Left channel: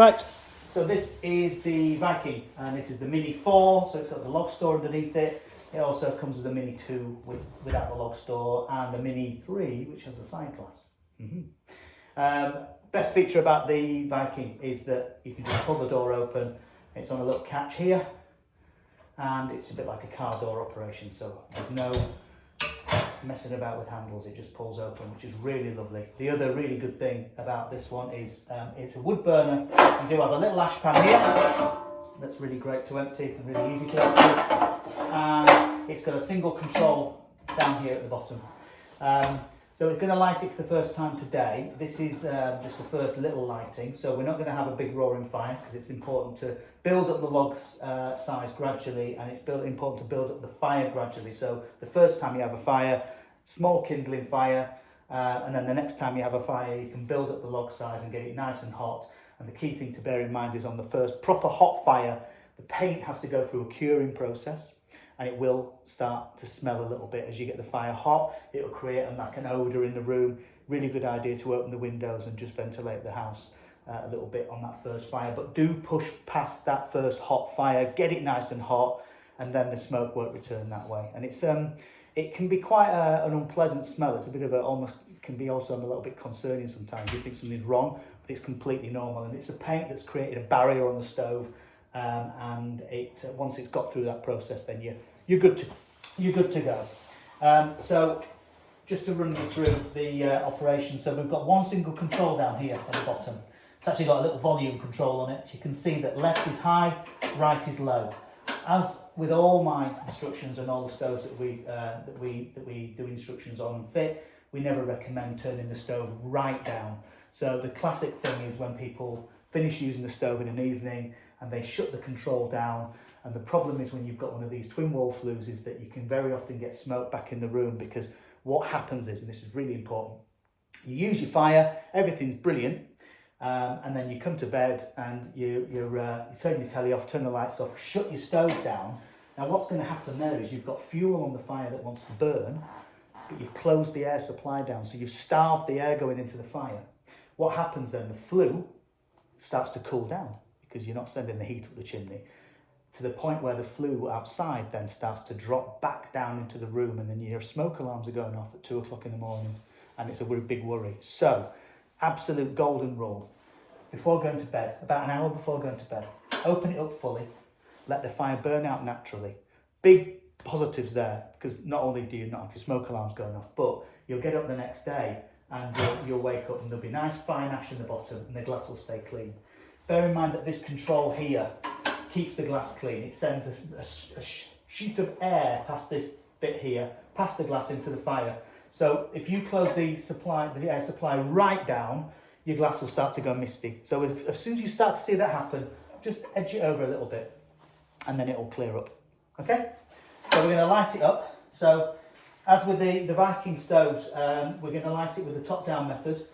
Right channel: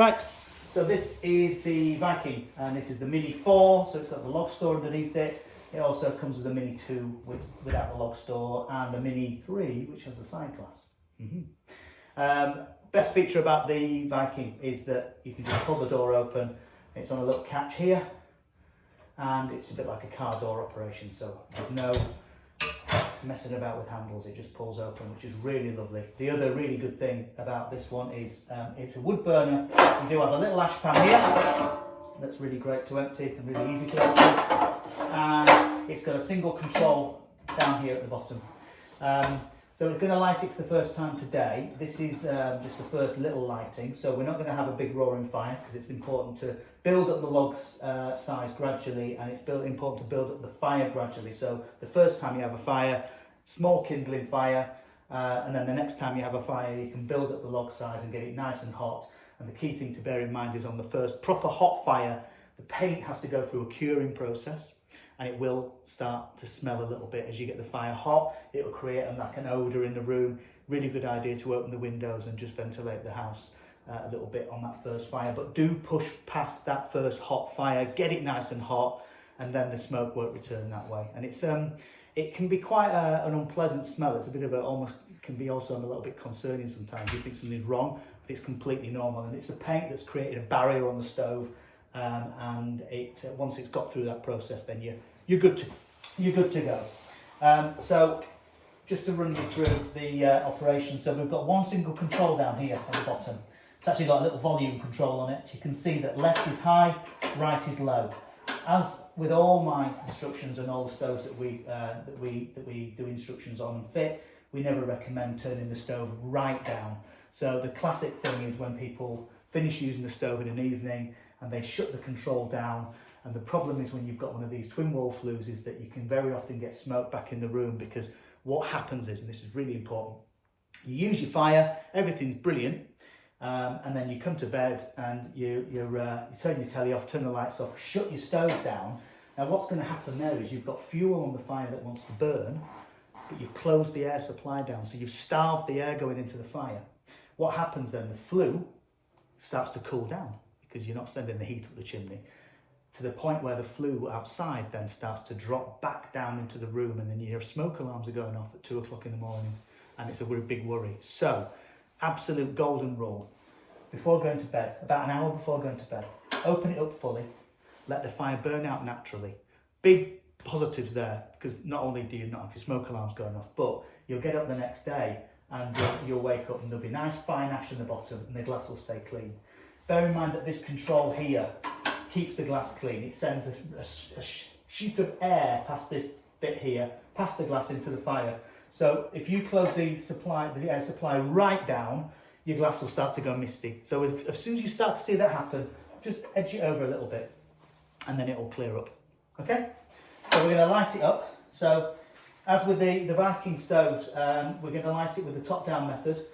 Right, so this is the Viking, and this is the Mini 4, so it's got the log store underneath it. It also comes with the Mini 2 without the log store, and the Mini 3, which has a side glass. Best feature about the Viking is that you can just pull the door open. It's on a little catch here, and it's a bit like a car door operation, so there's no messing about with handles. It just pulls open, which is really lovely. The other really good thing about this one is it's a wood burner. You do have a little ash pan here that's really great to empty and really easy to empty, and it's got a single control down here at the bottom. So we're going to light it for the first time today. This is just the first little lighting, so we're not going to have a big roaring fire because it's important to build up the log's size gradually, and it's important to build up the fire gradually. So the first time you have a fire, small kindling fire, and then the next time you have a fire, you can build up the log size and get it nice and hot. And the key thing to bear in mind is on the first proper hot fire, the paint has to go through a curing process. And it will start to smell a little bit as you get the fire hot. It'll create like an odour in the room. Really good idea to open the windows and just ventilate the house a little bit on that first fire. But do push past that first hot fire, get it nice and hot, and then the smoke won't return that way. And it's it can be quite an unpleasant smell. It's a bit of can be also a little bit concerning sometimes. You think something's wrong, but it's completely normal. And it's a paint that's created a barrier on the stove. And once it's got through that process, then you're good to go. So just to run you through the operation, so we've got one single control down here at the bottom. It's actually got a little volume control on it. You can see that left is high, right is low. As with all my instructions and all the stoves that we do instructions on and fit, we never recommend turning the stove right down. So the classic thing is when people finish using the stove in an evening and they shut the control down, and the problem is when you've got one of these twin wall flues is that you can very often get smoke back in the room, because what happens is, and this is really important, you use your fire, everything's brilliant, and then you come to bed and you turn your telly off, turn the lights off, shut your stove down. Now what's going to happen there is you've got fuel on the fire that wants to burn, but you've closed the air supply down, so you've starved the air going into the fire. What happens then? The flue starts to cool down, because you're not sending the heat up the chimney, to the point where the flue outside then starts to drop back down into the room, and then your smoke alarms are going off at 2 o'clock in the morning, and it's a big worry. So, absolute golden rule, before going to bed, about an hour before going to bed, open it up fully, let the fire burn out naturally. Big positives there, because not only do you not have your smoke alarms going off, but you'll get up the next day and you'll wake up and there'll be nice fine ash in the bottom and the glass will stay clean. Bear in mind that this control here keeps the glass clean. It sends a sheet of air past this bit here, past the glass into the fire. So if you close the air supply right down, your glass will start to go misty. So as soon as you start to see that happen, just edge it over a little bit and then it will clear up. Okay? So we're going to light it up. So as with the Viking stoves, we're going to light it with the top-down method.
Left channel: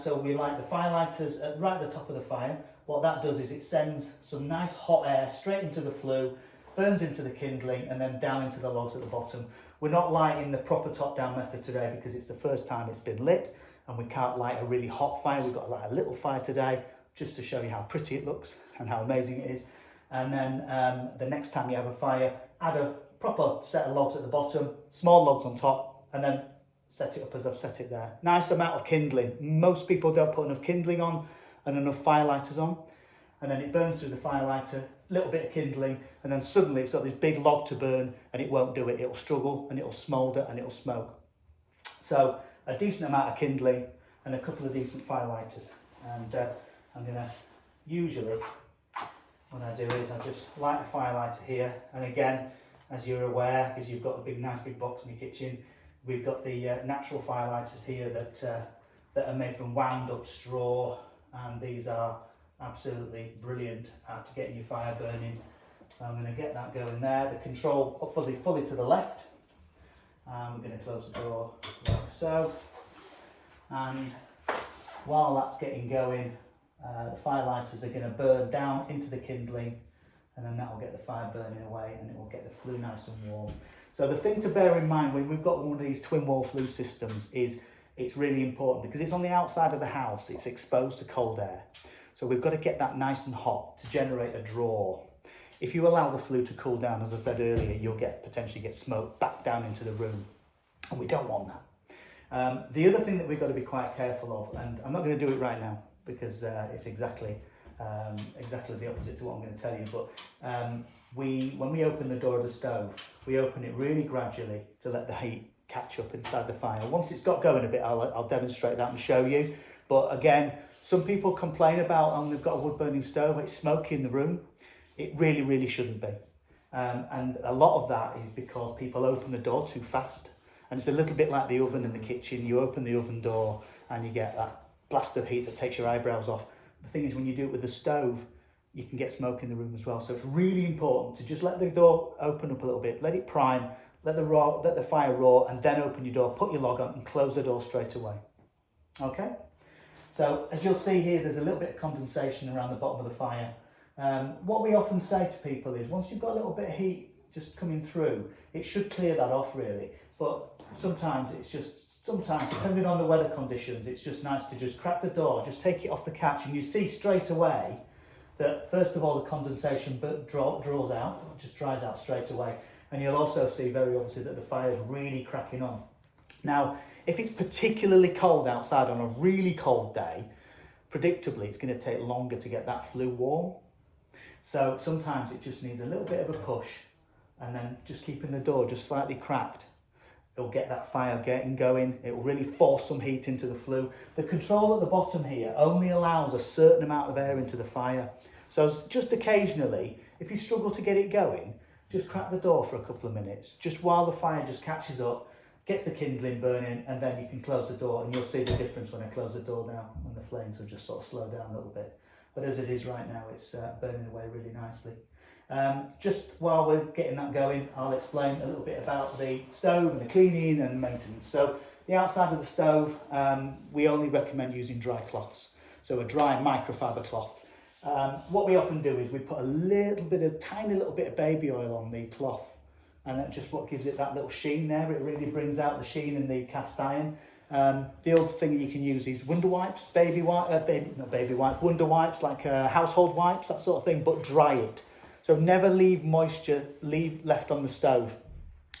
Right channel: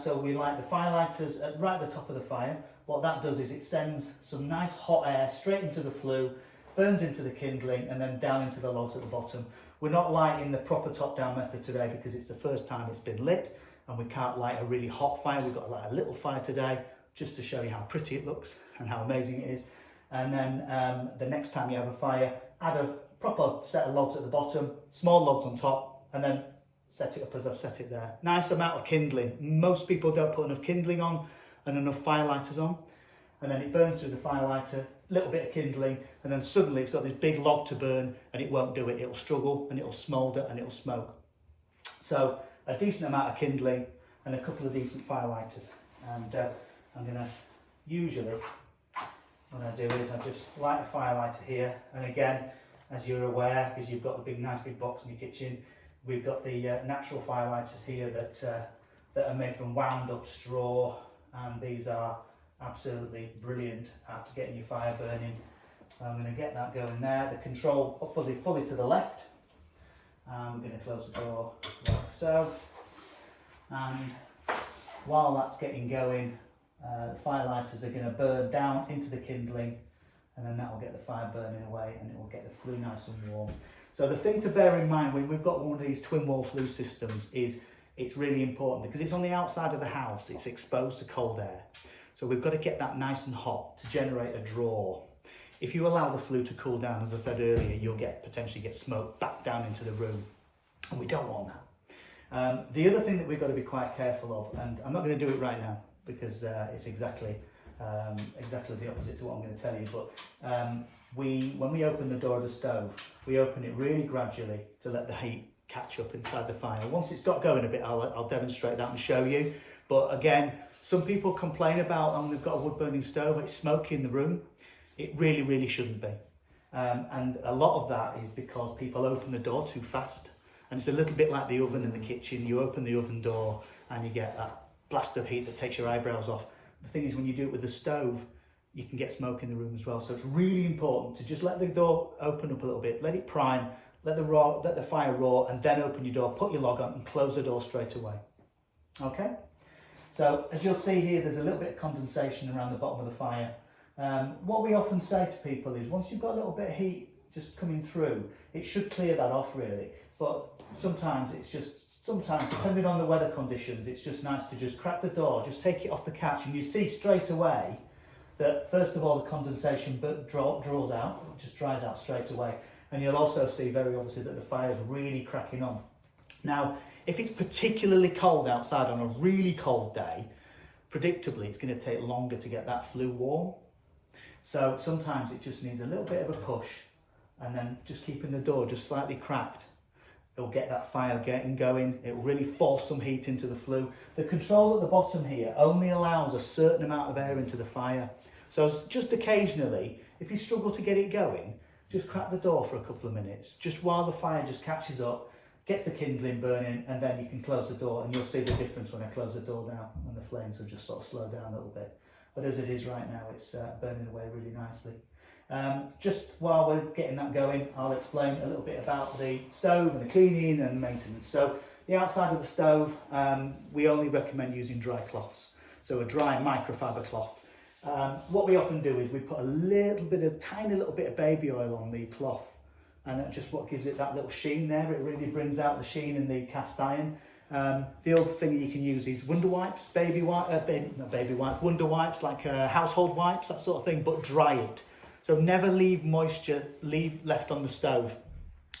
So we light the fire lighters right at the top of the fire. What that does is it sends some nice hot air straight into the flue, burns into the kindling, and then down into the logs at the bottom. We're not lighting the proper top-down method today because it's the first time it's been lit, and we can't light a really hot fire. We've got to light a little fire today just to show you how pretty it looks and how amazing it is. And then the next time you have a fire, add a proper set of logs at the bottom, small logs on top, and then set it up as I've set it there. Nice amount of kindling. Most people don't put enough kindling on and enough fire lighters on, and then it burns through the fire lighter, a little bit of kindling, and then suddenly it's got this big log to burn and it won't do it. It'll struggle and it'll smoulder and it'll smoke. So a decent amount of kindling and a couple of decent fire lighters. And I'm gonna, usually what I do is I just light a fire lighter here, and again, as you're aware, because you've got the nice big box in your kitchen, we've got the natural fire lighters here that are made from wound up straw, and these are absolutely brilliant at getting your fire burning. So I'm going to get that going there. The control fully to the left. We're going to close the door like so. And while that's getting going, the fire lighters are going to burn down into the kindling, and then that will get the fire burning away and it will get the flue nice and warm. So the thing to bear in mind when we've got one of these twin wall flue systems is it's really important because it's on the outside of the house, it's exposed to cold air. So we've got to get that nice and hot to generate a draw. If you allow the flue to cool down, as I said earlier, you'll potentially get smoke back down into the room, and we don't want that. The other thing that we've got to be quite careful of, and I'm not going to do it right now because it's exactly the opposite to what I'm going to tell you, but when we open the door of the stove, we open it really gradually to let the heat catch up inside the fire. Once it's got going a bit, I'll demonstrate that and show you. But again, some people complain about, oh, they've got a wood burning stove, it's smoky in the room. It really, really shouldn't be. And a lot of that is because people open the door too fast. And it's a little bit like the oven in the kitchen. You open the oven door and you get that blast of heat that takes your eyebrows off. The thing is, when you do it with the stove, you can get smoke in the room as well. So it's really important to just let the door open up a little bit, let it prime, let the fire roar, and then open your door, put your log on and close the door straight away. Okay? So as you'll see here, there's a little bit of condensation around the bottom of the fire. What we often say to people is, once you've got a little bit of heat just coming through, it should clear that off really. But sometimes depending on the weather conditions, it's just nice to just crack the door, just take it off the catch, and you see straight away that first of all the condensation draws out, just dries out straight away. And you'll also see very obviously that the fire's really cracking on. Now, if it's particularly cold outside on a really cold day, predictably it's going to take longer to get that flue warm. So sometimes it just needs a little bit of a push, and then just keeping the door just slightly cracked, it'll get that fire getting going. It will really force some heat into the flue. The control at the bottom here only allows a certain amount of air into the fire. So just occasionally, if you struggle to get it going, just crack the door for a couple of minutes, just while the fire just catches up, gets the kindling burning, and then you can close the door, and you'll see the difference when I close the door now, and the flames will just sort of slow down a little bit. But as it is right now, it's burning away really nicely. Just while we're getting that going, I'll explain a little bit about the stove and the cleaning and the maintenance. So the outside of the stove, we only recommend using dry cloths. So a dry microfiber cloth. What we often do is we put a tiny little bit of baby oil on the cloth, and that's just what gives it that little sheen there. It really brings out the sheen in the cast iron. The other thing that you can use is Wonder Wipes, Wonder Wipes, like household wipes, that sort of thing, but dry it. So never leave moisture left on the stove.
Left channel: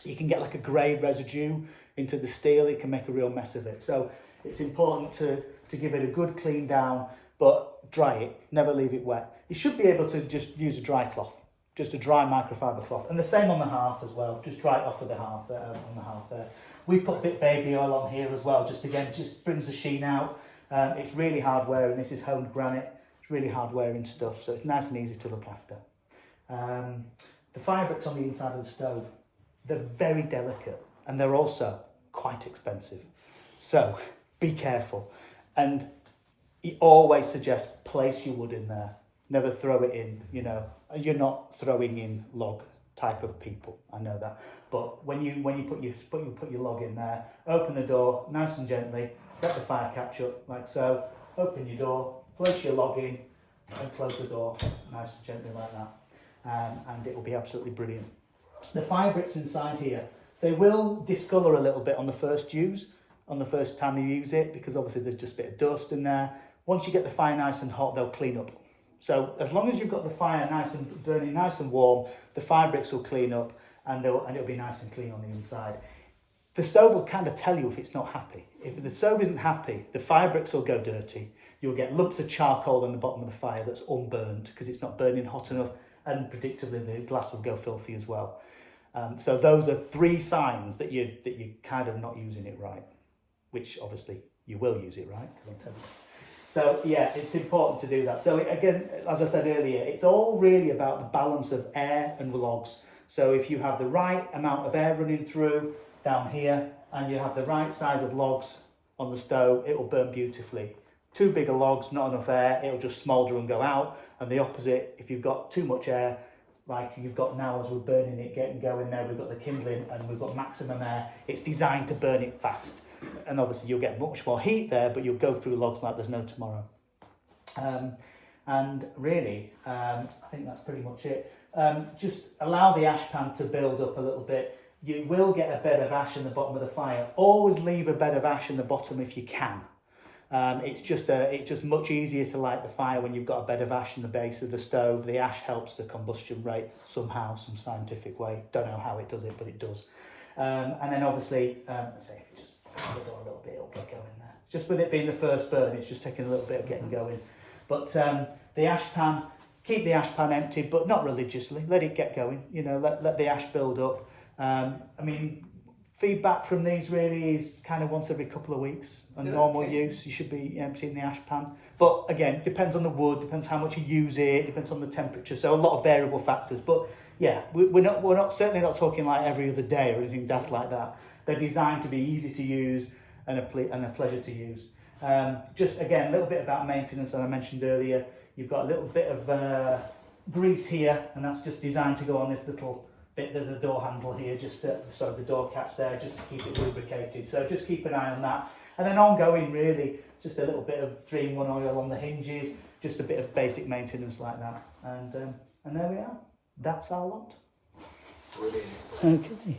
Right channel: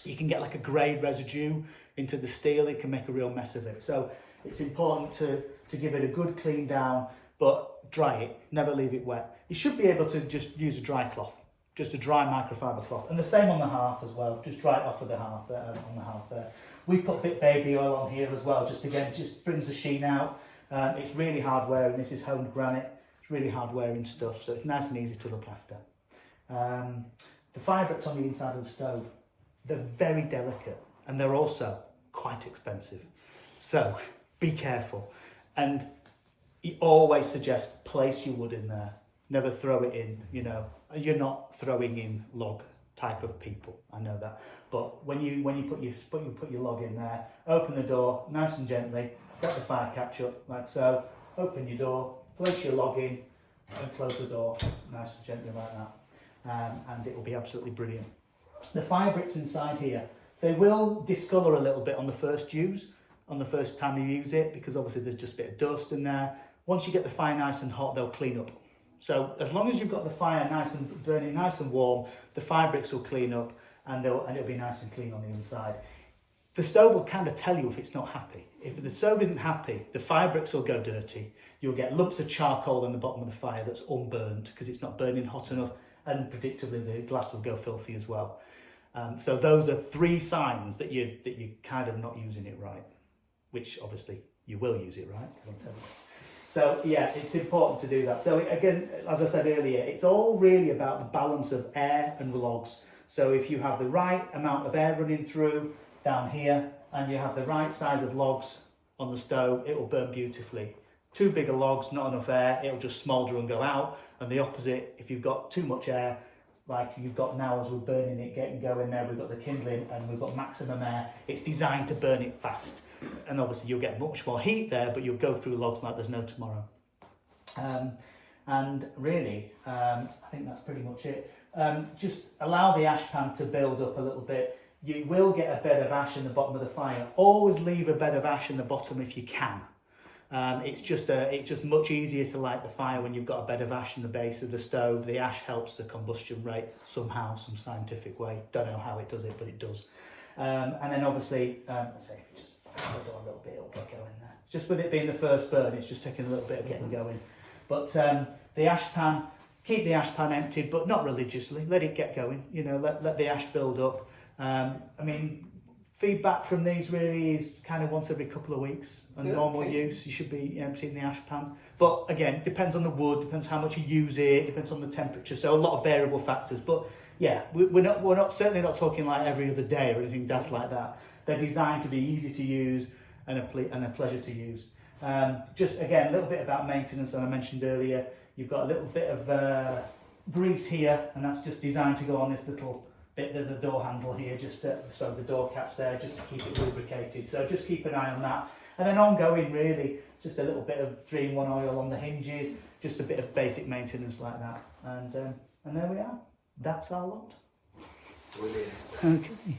You can get like a grey residue into the steel, it can make a real mess of it. So it's important to give it a good clean down, but dry it, never leave it wet. You should be able to just use a dry cloth, just a dry microfiber cloth. And the same on the hearth as well, just dry it off of the hearth, on the hearth there. We put a bit of baby oil on here as well, just brings the sheen out. It's really hard wearing, this is honed granite, it's really hard wearing stuff, so it's nice and easy to look after. The fire bricks on the inside of the stove, they're very delicate and they're also quite expensive. So be careful, and he always suggests place your wood in there, never throw it in, you know. You're not throwing in log type of people, I know that. But when you put your log in there, open the door nice and gently, let the fire catch up like so, open your door, place your log in and close the door nice and gently like that. And it will be absolutely brilliant. The fire bricks inside here, they will discolour a little bit on the first time you use it, because obviously there's just a bit of dust in there. Once you get the fire nice and hot, they'll clean up. So as long as you've got the fire nice and burning nice and warm, the fire bricks will clean up, and it'll be nice and clean on the inside. The stove will kind of tell you if it's not happy. If the stove isn't happy, the fire bricks will go dirty. You'll get lumps of charcoal on the bottom of the fire that's unburned because it's not burning hot enough, and predictably the glass will go filthy as well. So those are 3 signs that you're kind of not using it right, which obviously you will use it right, because I'm telling you. So yeah, it's important to do that. So again, as I said earlier, it's all really about the balance of air and logs. So if you have the right amount of air running through down here, and you have the right size of logs on the stove, it will burn beautifully. Too big of logs, not enough air, it'll just smoulder and go out. And the opposite, if you've got too much air, like you've got now as we're burning it, getting going there, we've got the kindling and we've got maximum air, it's designed to burn it fast. And obviously you'll get much more heat there, but you'll go through logs like there's no tomorrow. And really, I think that's pretty much it. Just allow the ash pan to build up a little bit. You will get a bed of ash in the bottom of the fire. Always leave a bed of ash in the bottom if you can. It's just much easier to light the fire when you've got a bed of ash in the base of the stove. The ash helps the combustion rate somehow, some scientific way. Don't know how it does it, but it does. And then obviously, let's say if you just open the door a little bit, it'll get going there. Just with it being the first burn, it's just taking a little bit of getting going. But the ash pan, keep the ash pan empty, but not religiously. Let it get going. You know, let the ash build up. I mean, feedback from these really is kind of once every couple of weeks. On normal use, you should be emptying the ash pan. But again, depends on the wood, depends how much you use it, depends on the temperature. So a lot of variable factors. But yeah, we're not certainly not talking like every other day or anything daft like that. They're designed to be easy to use and a pleasure to use. Just again, a little bit about maintenance, as I mentioned earlier. You've got a little bit of grease here, and that's just designed to go on this little bit of the door handle here, just to, sorry, the door catch there, just to keep it lubricated. So just keep an eye on that. And then ongoing, really, just a little bit of 3-in-1 oil on the hinges, just a bit of basic maintenance like that. And there we are. That's our lot. Brilliant. Okay.